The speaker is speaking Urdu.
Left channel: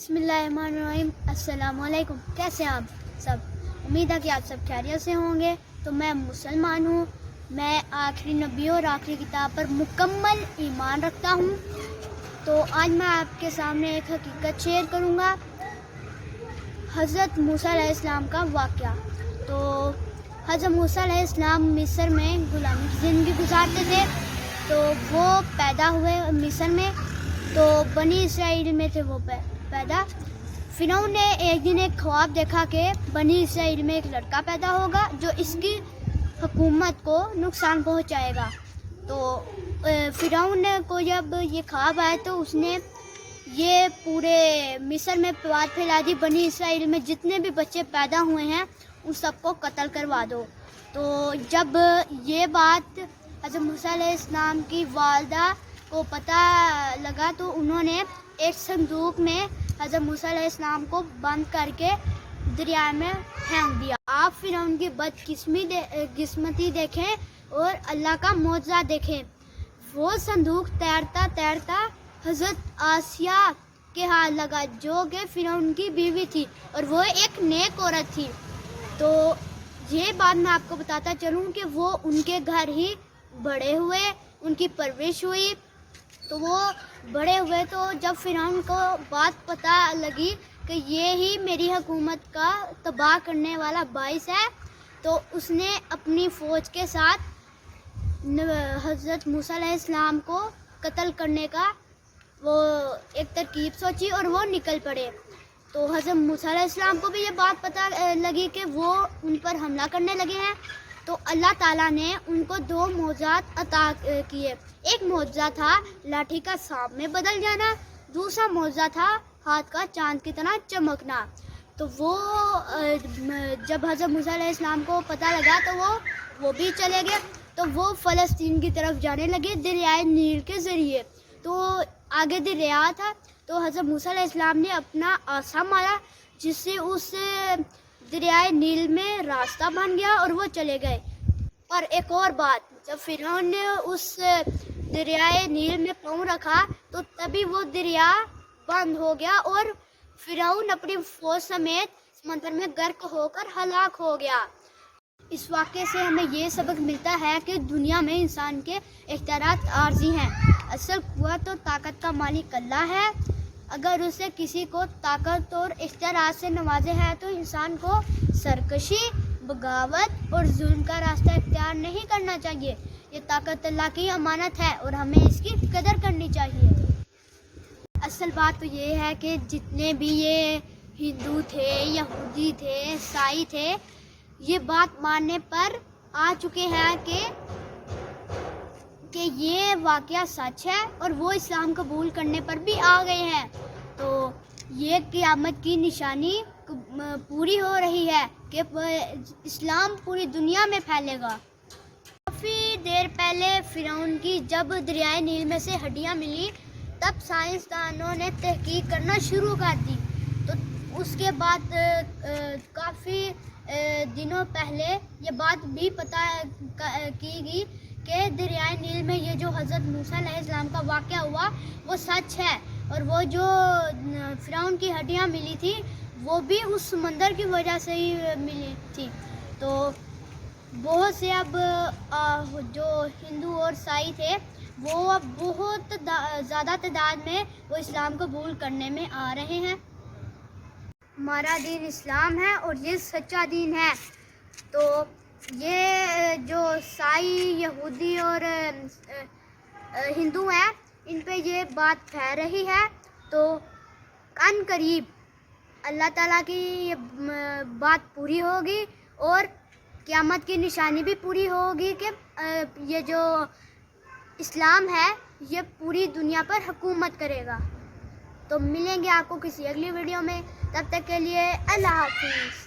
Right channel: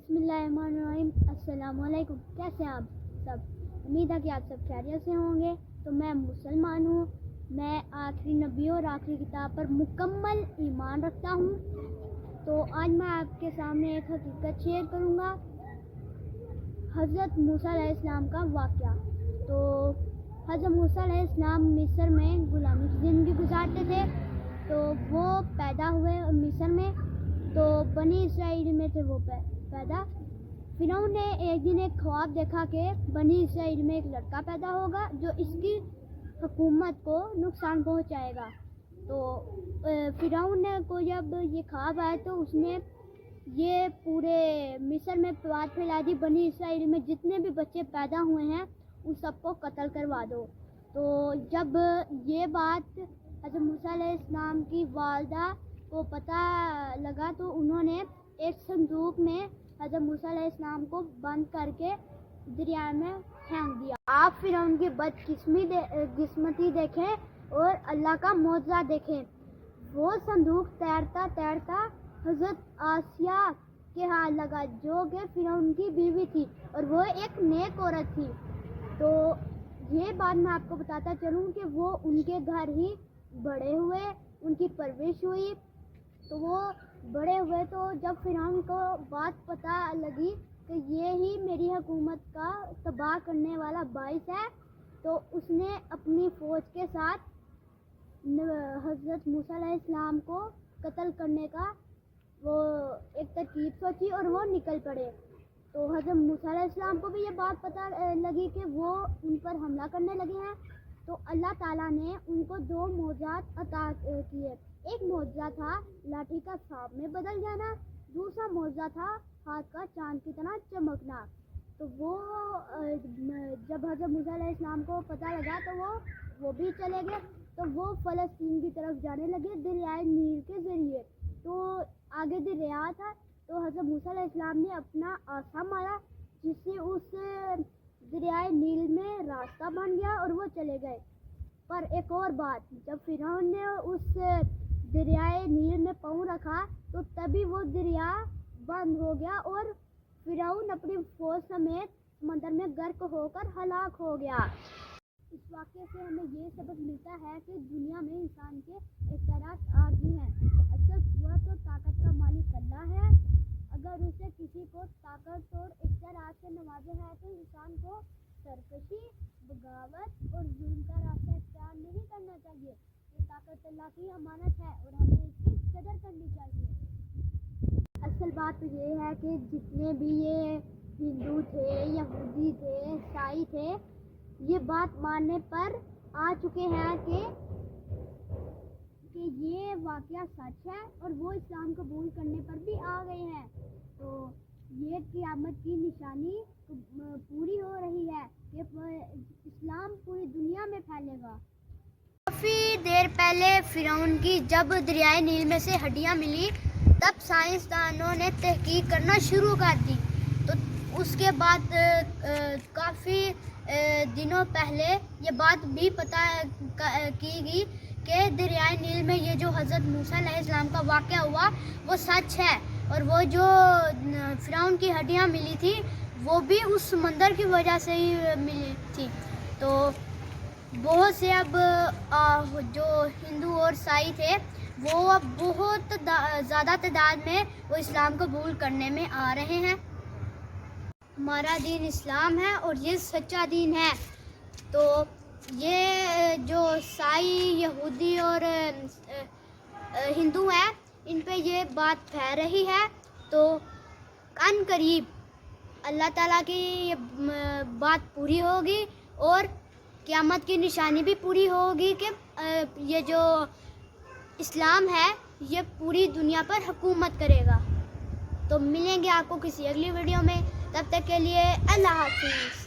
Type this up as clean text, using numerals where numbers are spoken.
بسم اللہ الرحمن الرحیم۔ السلام علیکم، کیسے ہیں آپ سب؟ امید ہے کہ آپ سب خیریت سے ہوں گے۔ تو میں مسلمان ہوں، میں آخری نبی اور آخری کتاب پر مکمل ایمان رکھتا ہوں۔ تو آج میں آپ کے سامنے ایک حقیقت شیئر کروں گا، حضرت موسیٰ علیہ السلام کا واقعہ۔ تو حضرت موسیٰ علیہ السلام مصر میں غلامی کی زندگی گزارتے تھے۔ تو وہ پیدا ہوئے مصر میں، تو بنی اسرائیل میں تھے وہ پیدا۔ فرعون نے ایک دن ایک خواب دیکھا کہ بنی اسرائیل میں ایک لڑکا پیدا ہوگا جو اس کی حکومت کو نقصان پہنچائے گا۔ تو فرعون کو جب یہ خواب آیا تو اس نے یہ پورے مصر میں بات پھیلا دی، بنی اسرائیل میں جتنے بھی بچے پیدا ہوئے ہیں ان سب کو قتل کروا دو۔ تو جب یہ بات حضرت موسیٰ علیہ السلام کی والدہ کو پتہ لگا تو انہوں نے ایک صندوق میں حضرت موسیٰ علیہ السلام کو بند کر کے دریا میں پھینک دیا۔ آپ فرعون کی بدقسمتی دیکھیں اور اللہ کا معجزہ دیکھیں۔ وہ صندوق تیرتا تیرتا حضرت آسیہ کے ہاتھ لگا جو کہ فرعون کی بیوی تھی اور وہ ایک نیک عورت تھی۔ تو یہ بات میں آپ کو بتاتا چلوں کہ وہ ان کے گھر ہی بڑے ہوئے، ان کی پرورش ہوئی۔ تو وہ بڑے ہوئے تو جب فرعون کو بات پتہ لگی کہ یہ ہی میری حکومت کا تباہ کرنے والا باعث ہے، تو اس نے اپنی فوج کے ساتھ حضرت موسیٰ علیہ السلام کو قتل کرنے کا وہ ایک ترکیب سوچی اور وہ نکل پڑے۔ تو حضرت موسیٰ علیہ السلام کو بھی یہ بات پتہ لگی کہ وہ ان پر حملہ کرنے لگے ہیں۔ تو اللہ تعالیٰ نے ان کو دو معجزات عطا کیے۔ ایک معجزہ تھا لاٹھی کا سانپ میں بدل جانا، دوسرا معجزہ تھا ہاتھ کا چاند کی طرح چمکنا۔ تو وہ جب حضرت موسیٰ علیہ السلام کو پتہ لگا تو وہ بھی چلے گئے۔ تو وہ فلسطین کی طرف جانے لگے دریائے نیل کے ذریعے۔ تو آگے دریا تھا، تو حضرت موسیٰ علیہ السلام نے اپنا عصا مارا جس سے اس دریائے نیل میں راستہ بن گیا اور وہ چلے گئے۔ پر ایک اور بات، جب فرعون نے اس دریائے نیل میں پاؤں رکھا تو تبھی وہ دریا بند ہو گیا اور فرعون اپنی فوج سمیت سمندر میں غرق ہو کر ہلاک ہو گیا۔ اس واقعے سے ہمیں یہ سبق ملتا ہے کہ دنیا میں انسان کے اختیارات عارضی ہیں، اصل قوت اور طاقت کا مالک اللہ ہے۔ اگر اسے کسی کو طاقت اور اختیارات سے نوازے ہے تو انسان کو سرکشی، بغاوت اور ظلم کا راستہ اختیار نہیں کرنا چاہیے۔ یہ طاقت اللہ کی امانت ہے اور ہمیں اس کی قدر کرنی چاہیے۔ اصل بات تو یہ ہے کہ جتنے بھی یہ ہندو تھے، یہودی تھے، عیسائی تھے، یہ بات ماننے پر آ چکے ہیں کہ یہ واقعہ سچ ہے اور وہ اسلام قبول کرنے پر بھی آ گئے ہیں۔ تو یہ قیامت کی نشانی پوری ہو رہی ہے کہ اسلام پوری دنیا میں پھیلے گا۔ کافی دیر پہلے فرعون کی جب دریائے نیل میں سے ہڈیاں ملی تب سائنسدانوں نے تحقیق کرنا شروع کر دی۔ تو اس کے بعد کافی دنوں پہلے یہ بات بھی پتہ کی گئی کہ دریائے نیل میں یہ جو حضرت موسیٰ علیہ السلام کا واقعہ ہوا وہ سچ ہے، اور وہ جو فرعون کی ہڈیاں ملی تھی وہ بھی اس سمندر کی وجہ سے ہی ملی تھی۔ تو بہت سے اب جو ہندو اور عیسائی تھے وہ اب بہت زیادہ تعداد میں وہ اسلام قبول کرنے میں آ رہے ہیں۔ ہمارا دین اسلام ہے اور یہ سچا دین ہے۔ تو یہ جو عیسائی، یہودی اور ہندو ہیں ان پہ یہ بات پھیل رہی ہے، تو ان قریب اللہ تعالیٰ کی یہ بات پوری ہوگی اور قیامت کی نشانی بھی پوری ہوگی کہ یہ جو اسلام ہے یہ پوری دنیا پر حکومت کرے گا۔ تو ملیں گے آپ کو کسی اگلی ویڈیو میں، تب تک کے لیے اللہ حافظ۔